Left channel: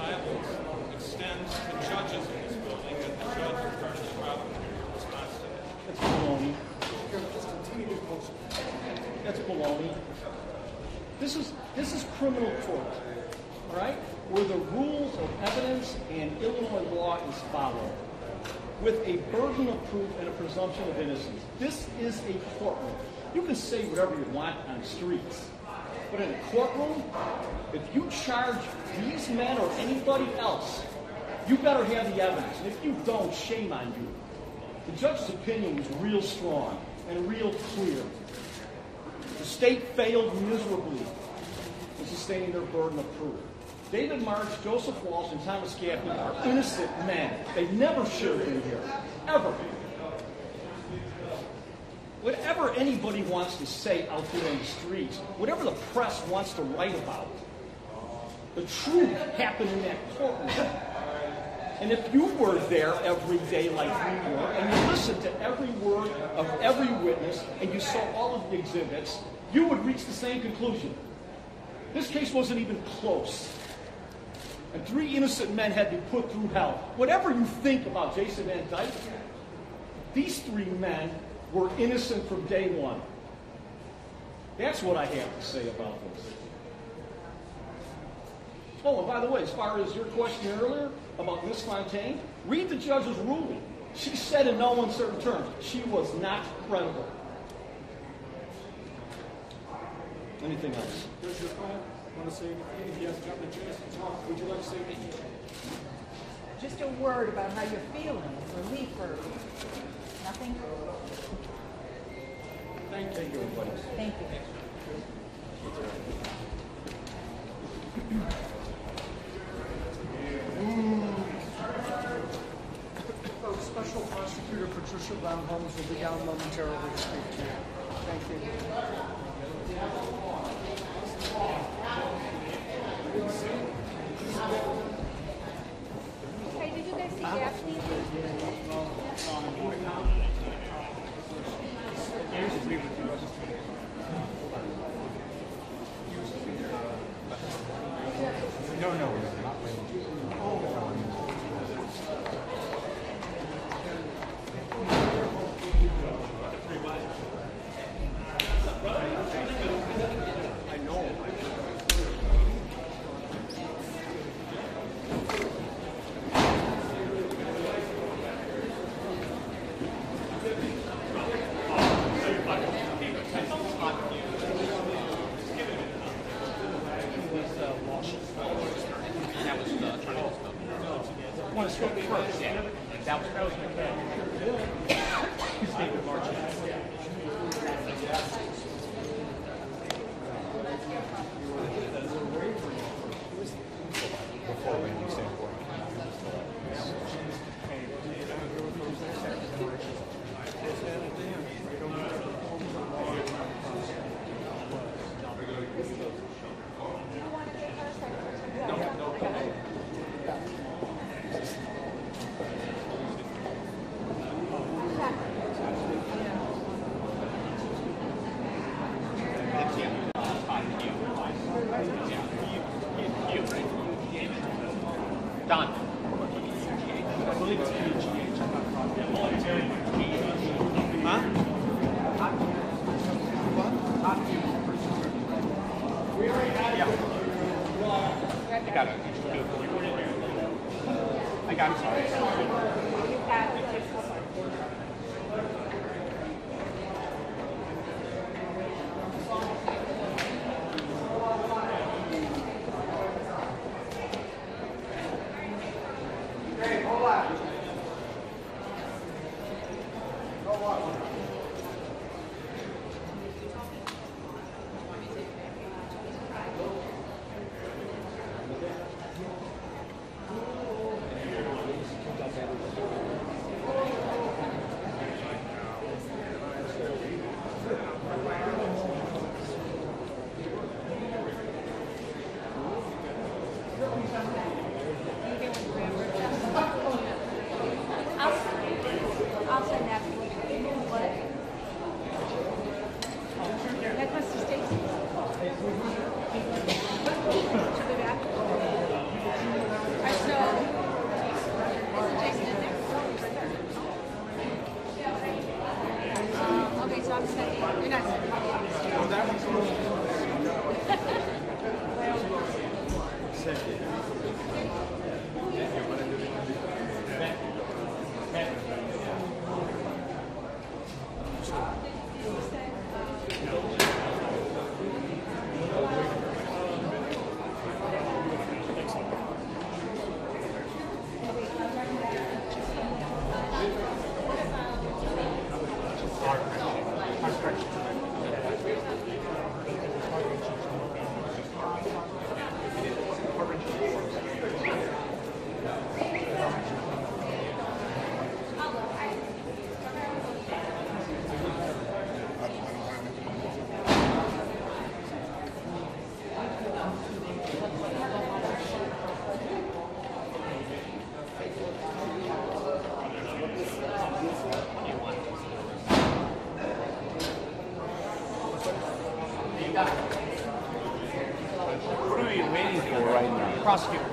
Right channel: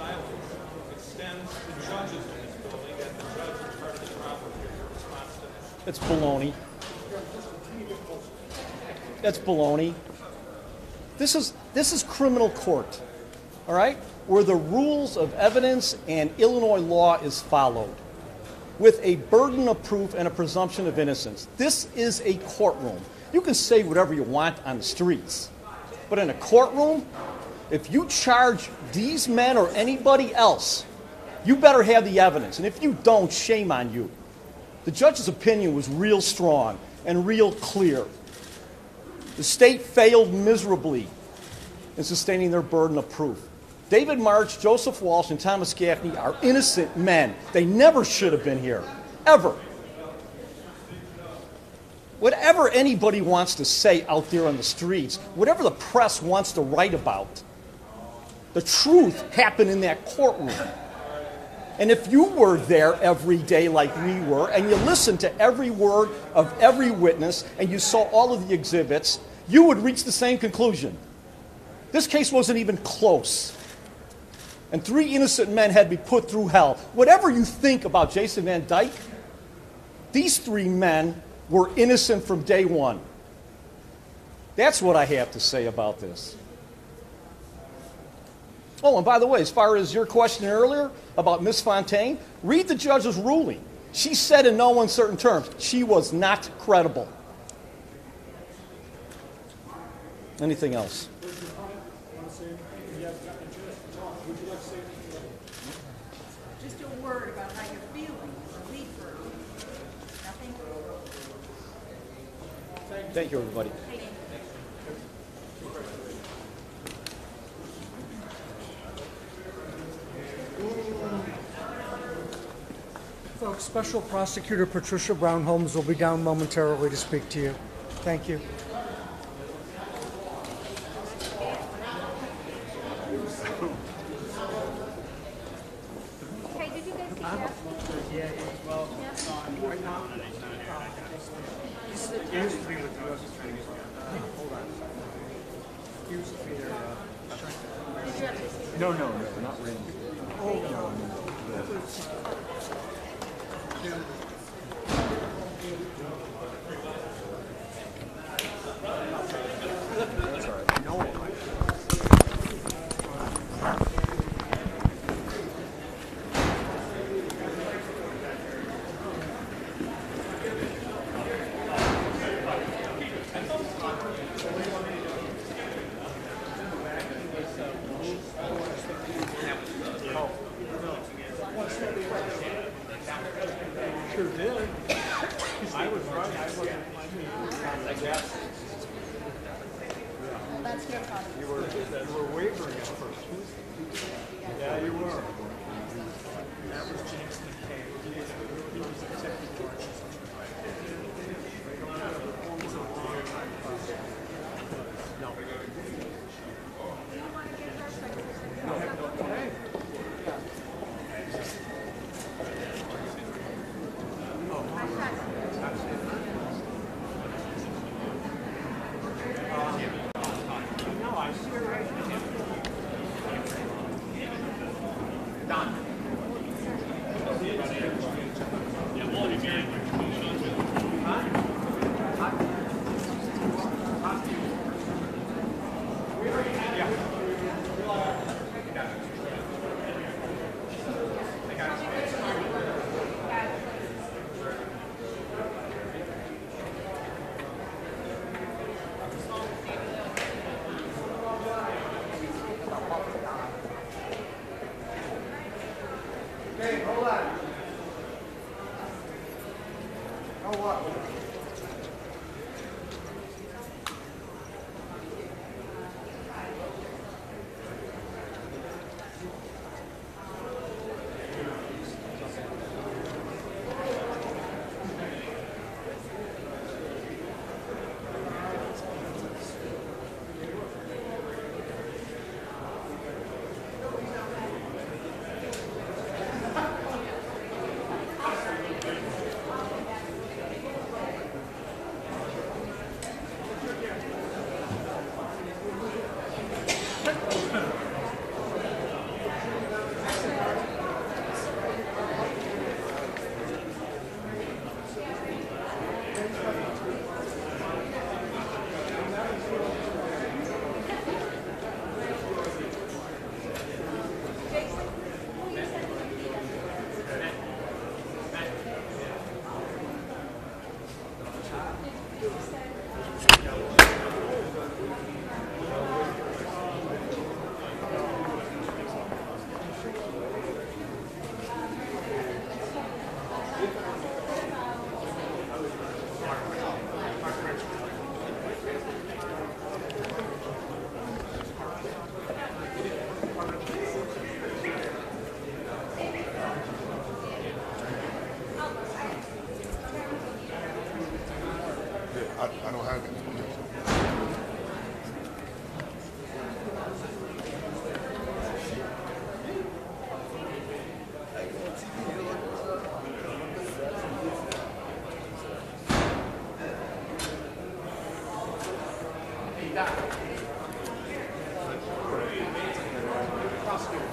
silence extends to judges in this building that the judge is part of the trial court. Your response to that? It's baloney. That's baloney. This is criminal court, all right, where the rules of evidence and Illinois law is followed, with a burden of proof and a presumption of innocence. This is a courtroom. You can say whatever you want on the streets, but in a courtroom, if you charge these men or anybody else, you better have the evidence. And if you don't, shame on you. The judge's opinion was real strong and real clear. The state failed miserably in sustaining their burden of proof. David March, Joseph Walsh, and Thomas Gaffney are innocent men. They never should have been here, ever. Whatever anybody wants to say out there on the streets, whatever the press wants to write about, the truth happened in that courtroom. And if you were there every day like we were, and you listened to every word of every witness, and you saw all of the exhibits, you would reach the same conclusion. This case wasn't even close. And 3 innocent men had to be put through hell. Whatever you think about Jason Van Dyke, these 3 men were innocent from day one. That's what I have to say about this. Oh, and by the way, as far as your question earlier about Miss Fontaine, read the judge's ruling. She said in no uncertain terms, she was not credible. Anything else? Just a word about how you're feeling, relief or nothing? Thank you, everybody. Thank you. Folks, Special Prosecutor Patricia Brown Holmes will be down momentarily to speak to you. Thank you. Hey, did you guys see Gaffney? No, not really. Prosecutors.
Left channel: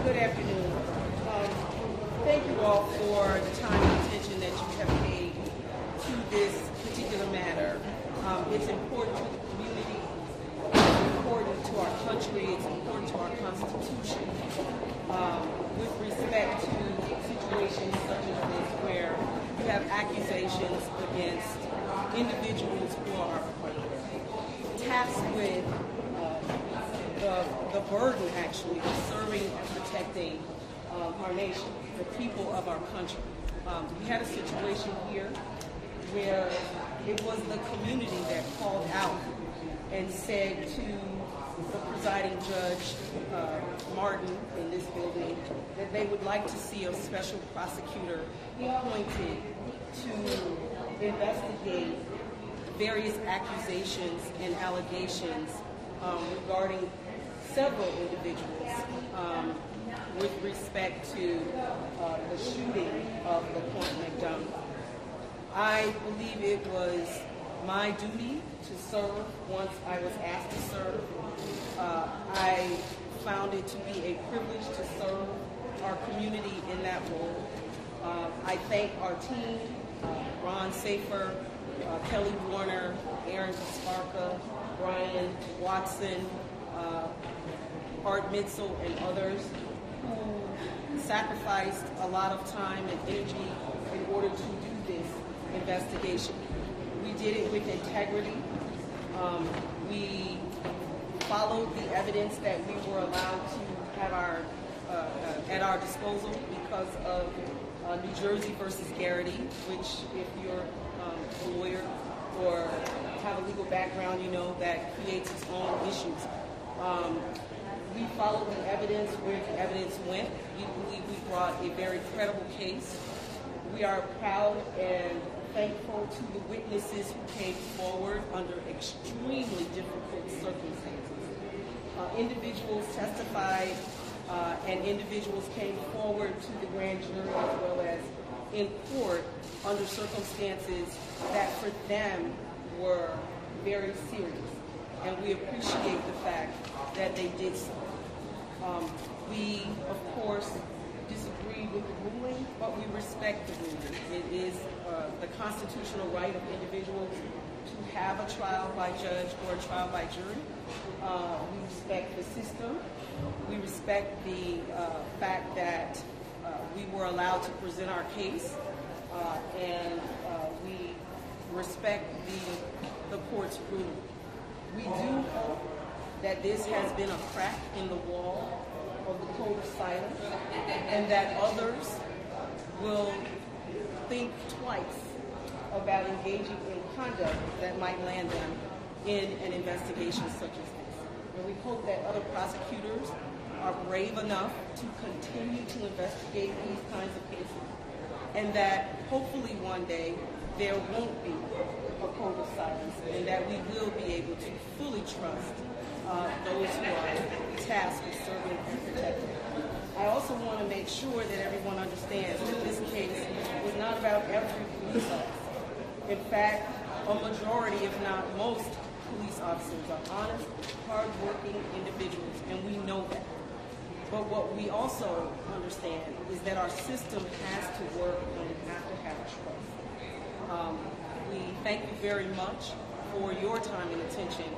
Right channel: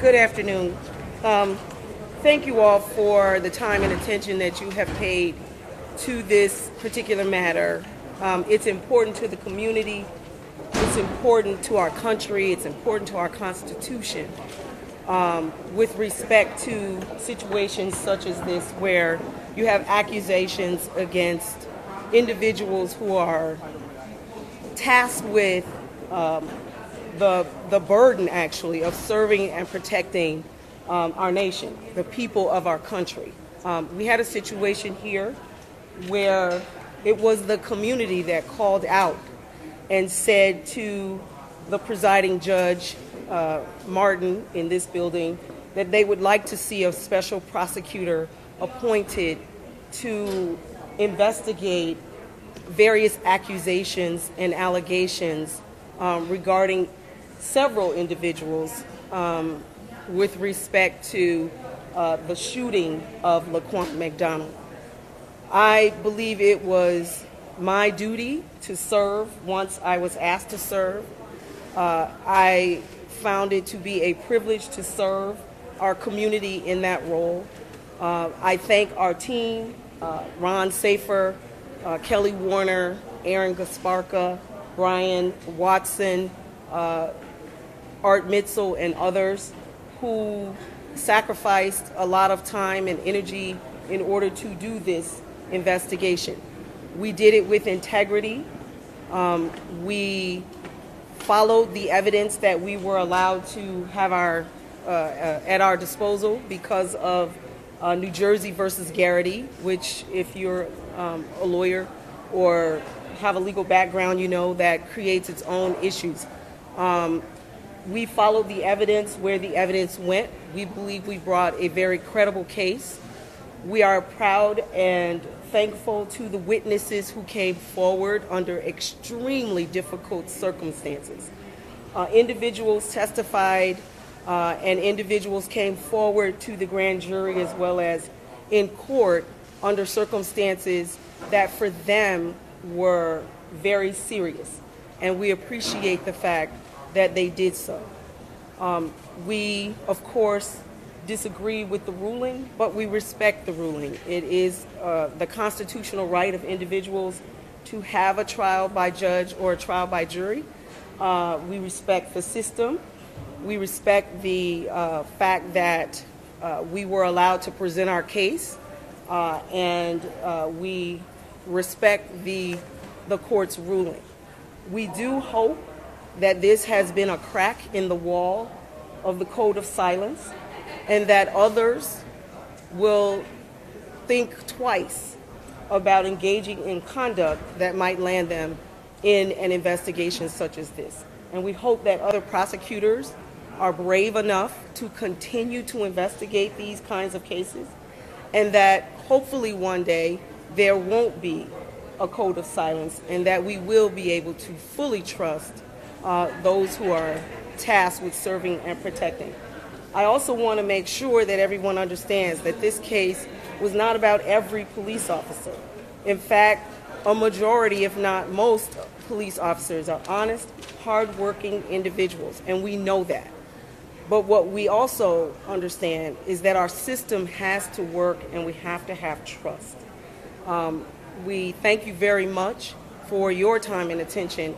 Good afternoon. Thank you all for the time and attention that you have paid to this particular matter. It's important to the community. It's important to our country. It's important to our Constitution with respect to situations such as this where you have accusations against individuals who are tasked with the burden, actually, of serving and protecting our nation, the people of our country. We had a situation here where it was the community that called out and said to the presiding judge, Martin, in this building, that they would like to see a special prosecutor appointed to investigate various accusations and allegations regarding several individuals with respect to the shooting of Laquan McDonald. I believe it was my duty to serve once I was asked to serve. I found it to be a privilege to serve our community in that role. I thank our team, Ron Safer, Kelly Warner, Aaron Gasparka, Brian Watson, Art Mitzel, and others who sacrificed a lot of time and energy in order to do this investigation. We did it with integrity. We followed the evidence that we were allowed to have at our disposal because of New Jersey versus Garrity, which, if you're a lawyer or have a legal background, you know that creates its own issues. We followed the evidence where the evidence went. We believe we brought a very credible case. We are proud and thankful to the witnesses who came forward under extremely difficult circumstances. Individuals testified and individuals came forward to the grand jury as well as in court under circumstances that for them were very serious. And we appreciate the fact that they did so. We, of course, disagree with the ruling, but we respect the ruling. It is the constitutional right of individuals to have a trial by judge or a trial by jury. We respect the system. We respect the fact that we were allowed to present our case, and we respect the court's ruling. We do hope that this has been a crack in the wall of the code of silence and that others will think twice about engaging in conduct that might land them in an investigation such as this. And we hope that other prosecutors are brave enough to continue to investigate these kinds of cases, and that hopefully one day there won't be a code of silence and that we will be able to fully trust those who are tasked with serving and protecting. I also want to make sure that everyone understands that this case was not about every police officer. In fact, a majority, if not most, police officers are honest, hardworking individuals, and we know that. But what we also understand is that our system has to work and we have to have trust. We thank you very much for your time and attention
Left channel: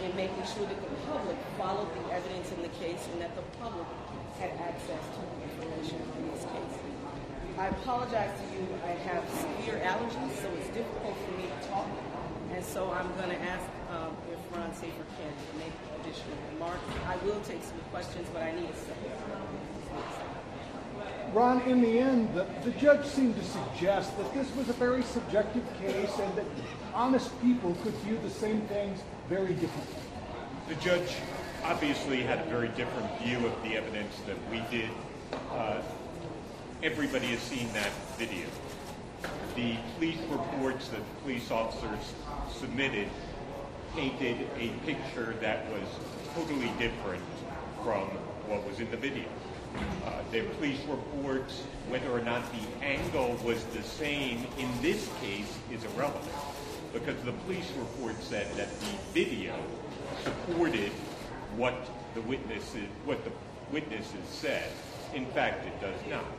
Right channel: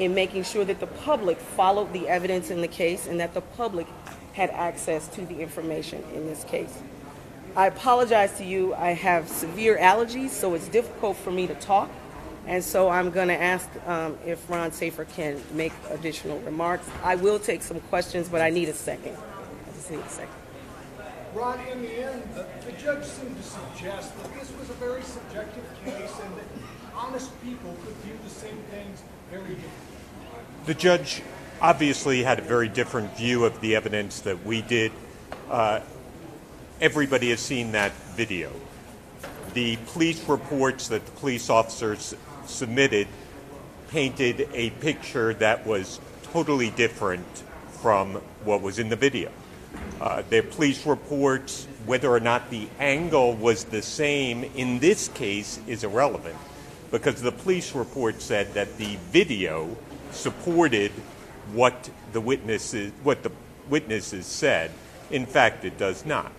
in making sure that the public followed the evidence in the case and that the public had access to the information in this case. I apologize to you. I have severe allergies, so it's difficult for me to talk. And so I'm going to ask if Ron Safer can make additional remarks. I will take some questions, but I need a second. I just need a second. Ron, in the end, the judge seemed to suggest that this was a very subjective case and that honest people could view the same things very differently. The judge obviously had a very different view of the evidence that we did. everybody has seen that video. The police reports that the police officers submitted painted a picture that was totally different from what was in the video. The police reports, whether or not the angle was the same in this case is irrelevant, because the police report said that the video supported what the witnesses said. In fact, it does not.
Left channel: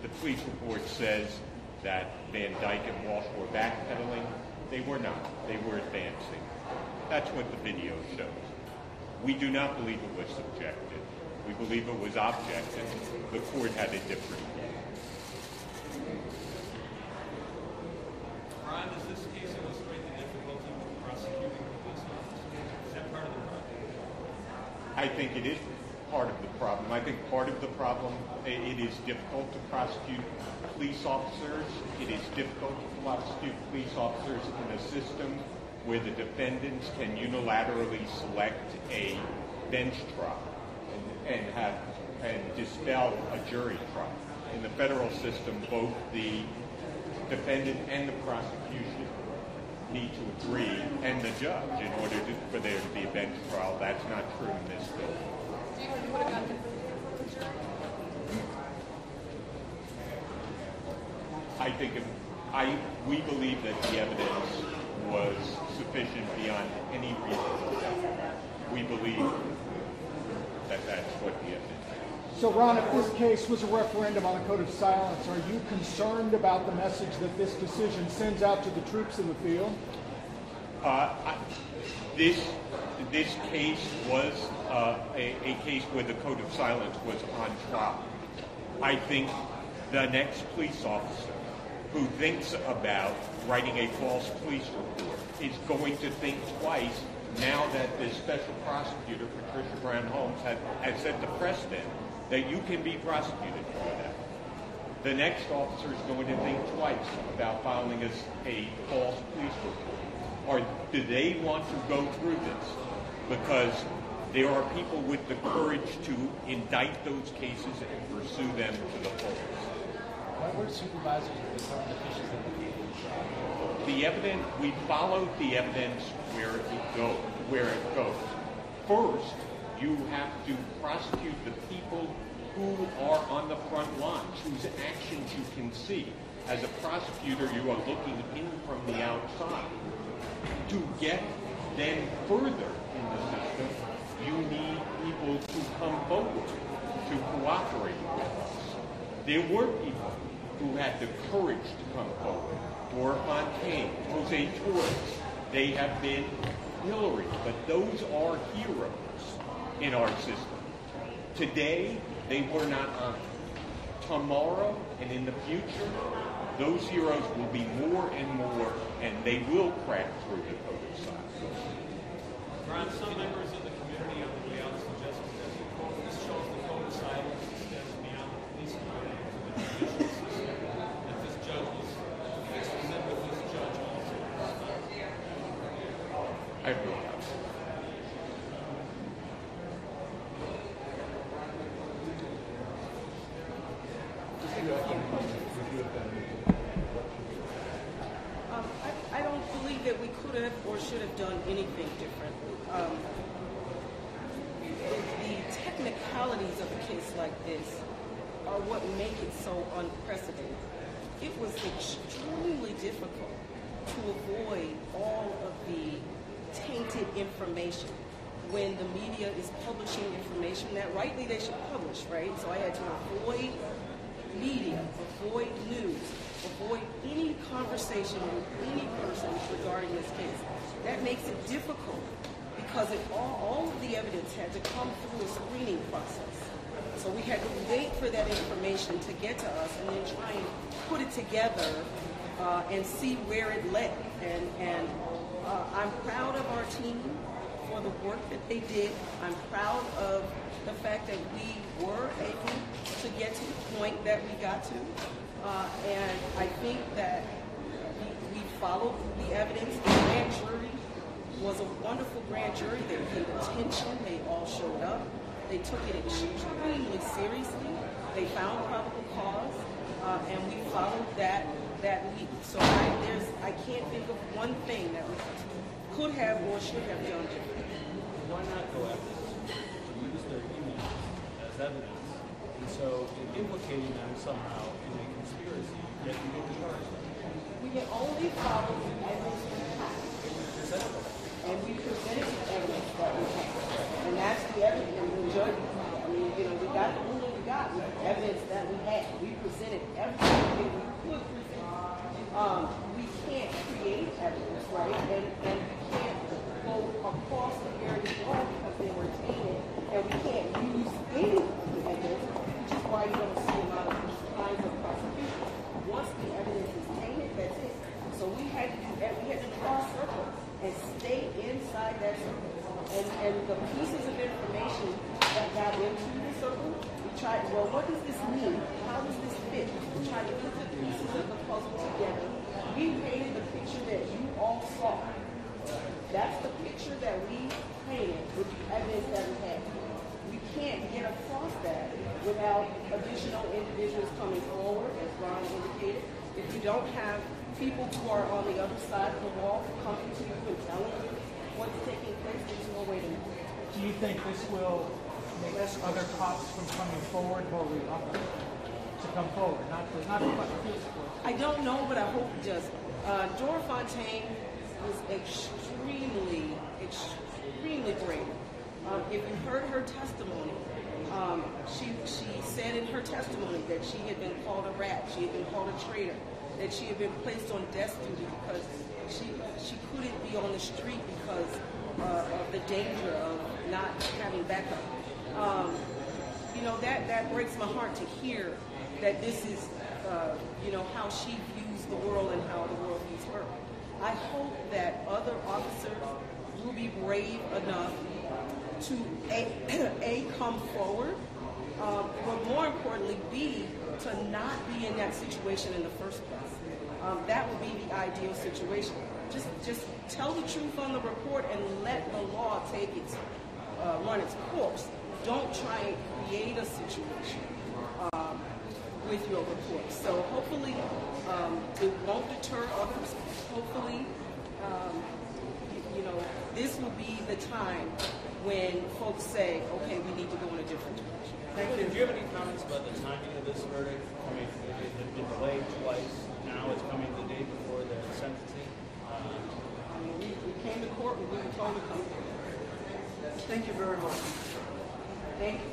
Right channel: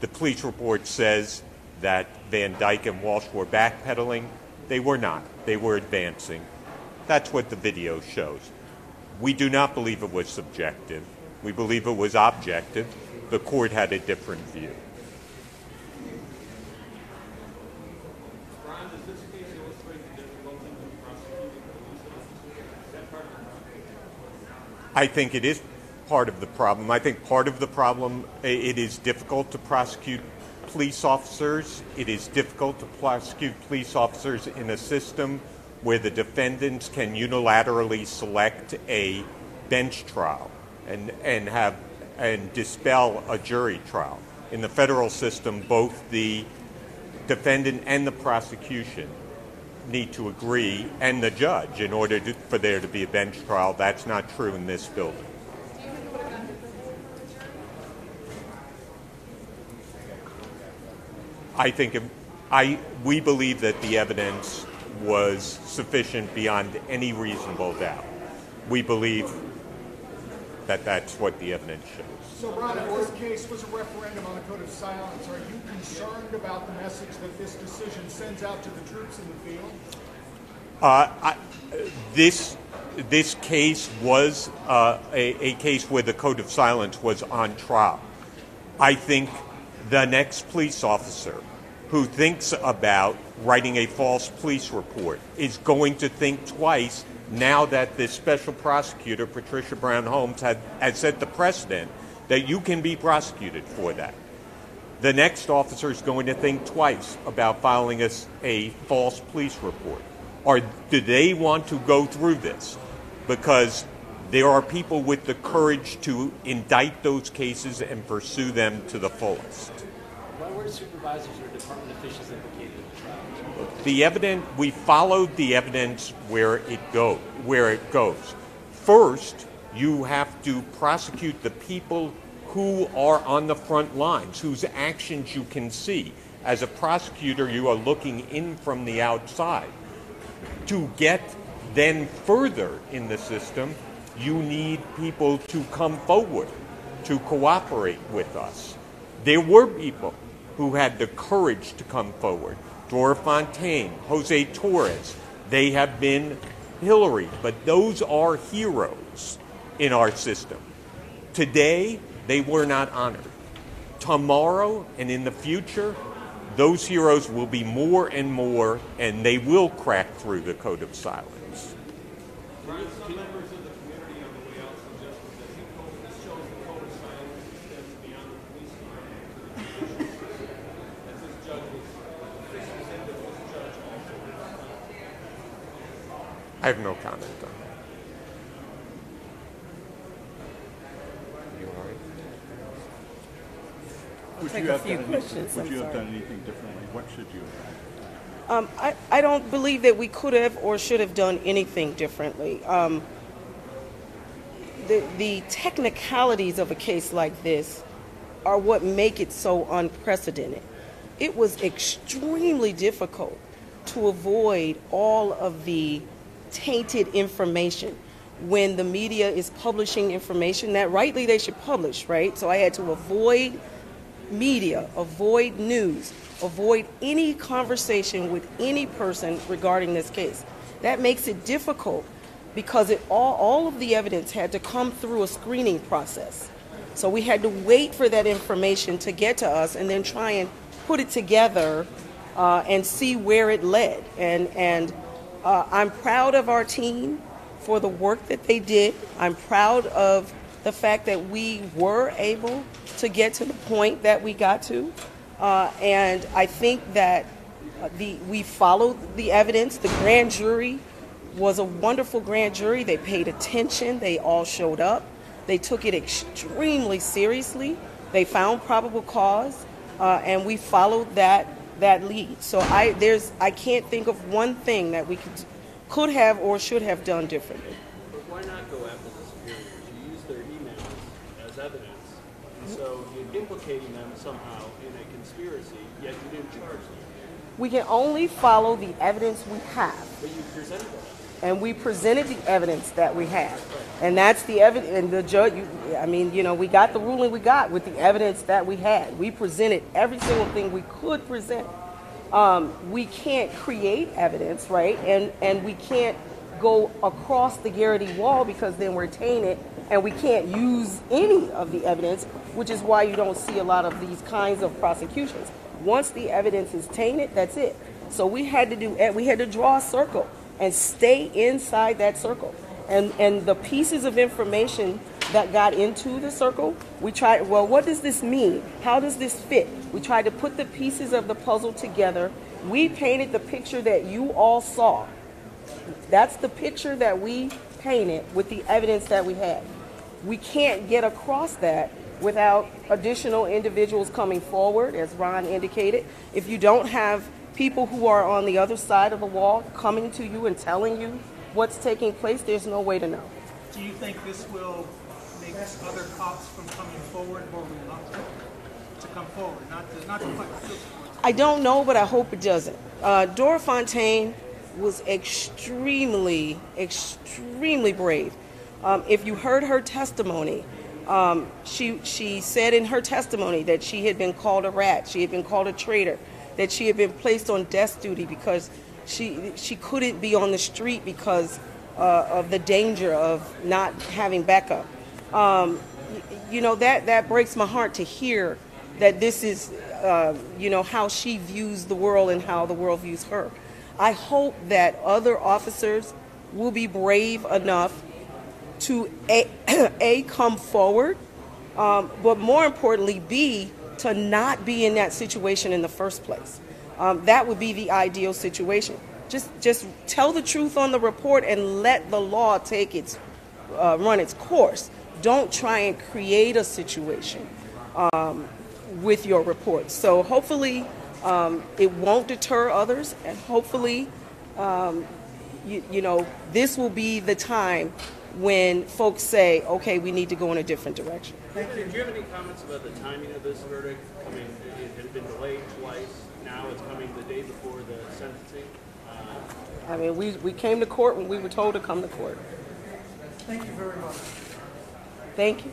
The police report says that Van Dyke and Walsh were backpedaling. They were not. They were advancing. That's what the video shows. We do not believe it was subjective. We believe it was objective. The court had a different view. Ron, does this case illustrate the difficulty with prosecuting police officers? Is that part of the problem? I think it is part of the problem. I think part of the problem, it is difficult to prosecute police officers. It is difficult to prosecute police officers in a system where the defendants can unilaterally select a bench trial and dispel a jury trial. In the federal system, both the defendant and the prosecution need to agree, and the judge, in order for there to be a bench trial. That's not true in this building. We believe that the evidence was sufficient beyond any reasonable doubt. We believe that that's what the evidence shows. So, Ron, if this case was a referendum on a code of silence, are you concerned about the message that this decision sends out to the troops in the field? This case was a case where the code of silence was on trial. I think the next police officer who thinks about writing a false police report is going to think twice now that this special prosecutor, Patricia Brown Holmes, has set the precedent that you can be prosecuted for that. The next officer is going to think twice about filing a false police report. Or do they want to go through this? Because there are people with the courage to indict those cases and pursue them to the fullest. Why were supervisors and department officials implicated in the trial? The evidence, we followed the evidence where it goes. First, you have to prosecute the people who are on the front lines, whose actions you can see. As a prosecutor, you are looking in from the outside. To get then further in the system, you need people to come forward, to cooperate with us. There were people who had the courage to come forward. Dora Fontaine, Jose Torres, they have been Hillary, but those are heroes in our system. Today, they were not honored. Tomorrow and in the future, those heroes will be more and more, and they will crack through the code of silence. Ron, some members of the community on the way out suggested that this shows the code of silence extends beyond the police department to the judicial system. That this judge was in with this judge also. I have no comment on that. Take a few questions. Would you have done anything differently? What should you have? I don't believe that we could have or should have done anything differently. The technicalities of a case like this are what make it so unprecedented. It was extremely difficult to avoid all of the tainted information when the media is publishing information that rightly they should publish, right? So I had to avoid media, avoid news, avoid any conversation with any person regarding this case. That makes it difficult because all of the evidence had to come through a screening process. So we had to wait for that information to get to us and then try and put it together and see where it led. And I'm proud of our team for the work that they did. I'm proud of the fact that we were able to get to the point that we got to. And I think that we followed the evidence. The grand jury was a wonderful grand jury. They paid attention. They all showed up. They took it extremely seriously. They found probable cause. and we followed that lead. So I can't think of one thing that we could have or should have done differently. Why not go after this community to use their emails as evidence, and so implicating them somehow in a conspiracy, yet you didn't charge them? We can only follow the evidence we have. But you presented them. And we presented the evidence that we had. And that's the evidence, and the judge, we got the ruling we got with the evidence that we had. We presented every single thing we could present. We can't create evidence, right? And we can't go across the Garrity wall because then we're tainted and we can't use any of the evidence, which is why you don't see a lot of these kinds of prosecutions. Once the evidence is tainted, that's it. So we had to draw a circle and stay inside that circle. And the pieces of information that got into the circle, we tried, well, what does this mean? How does this fit? We tried to put the pieces of the puzzle together. We painted the picture that you all saw. That's the picture that we painted with the evidence that we had. We can't get across that without additional individuals coming forward, as Ron indicated. If you don't have people who are on the other side of the wall coming to you and telling you what's taking place, there's no way to know. Do you think this will make other cops from coming forward more reluctant to come forward? Not to put field support. I don't know, but I hope it doesn't. Dora Fontaine was extremely brave. If you heard her testimony, she said in her testimony that she had been called a rat, she had been called a traitor, that she had been placed on desk duty because she couldn't be on the street because of the danger of not having backup. That breaks my heart to hear that this is how she views the world and how the world views her. I hope that other officers will be brave enough to A, come forward, but more importantly, B, to not be in that situation in the first place. That would be the ideal situation. Just tell the truth on the report and let the law take run its course. Don't try and create a situation with your report. So hopefully it won't deter others, and hopefully this will be the time when folks say, okay, we need to go in a different direction. Did you have any comments about the timing of this verdict? It had been delayed twice. Now it's coming the day before the sentencing. We came to court when we were told to come to court. Thank you very much. Thank you.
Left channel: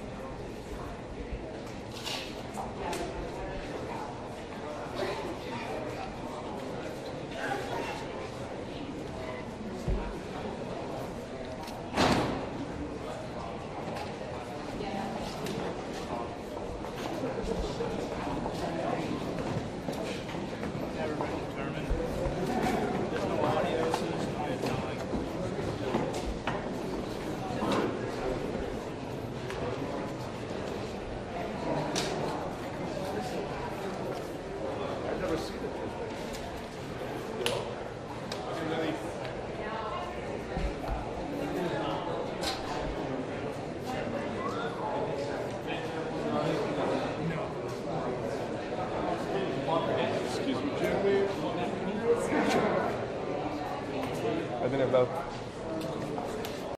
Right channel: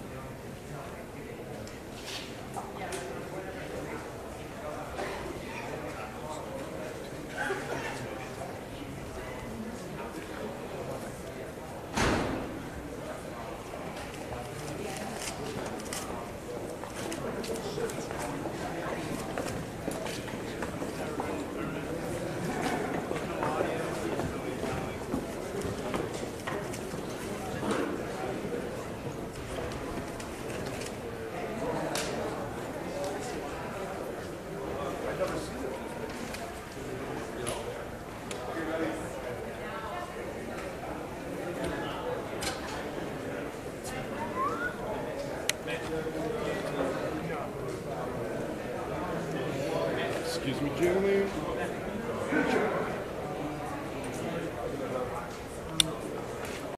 Excuse me, Junior. I've been about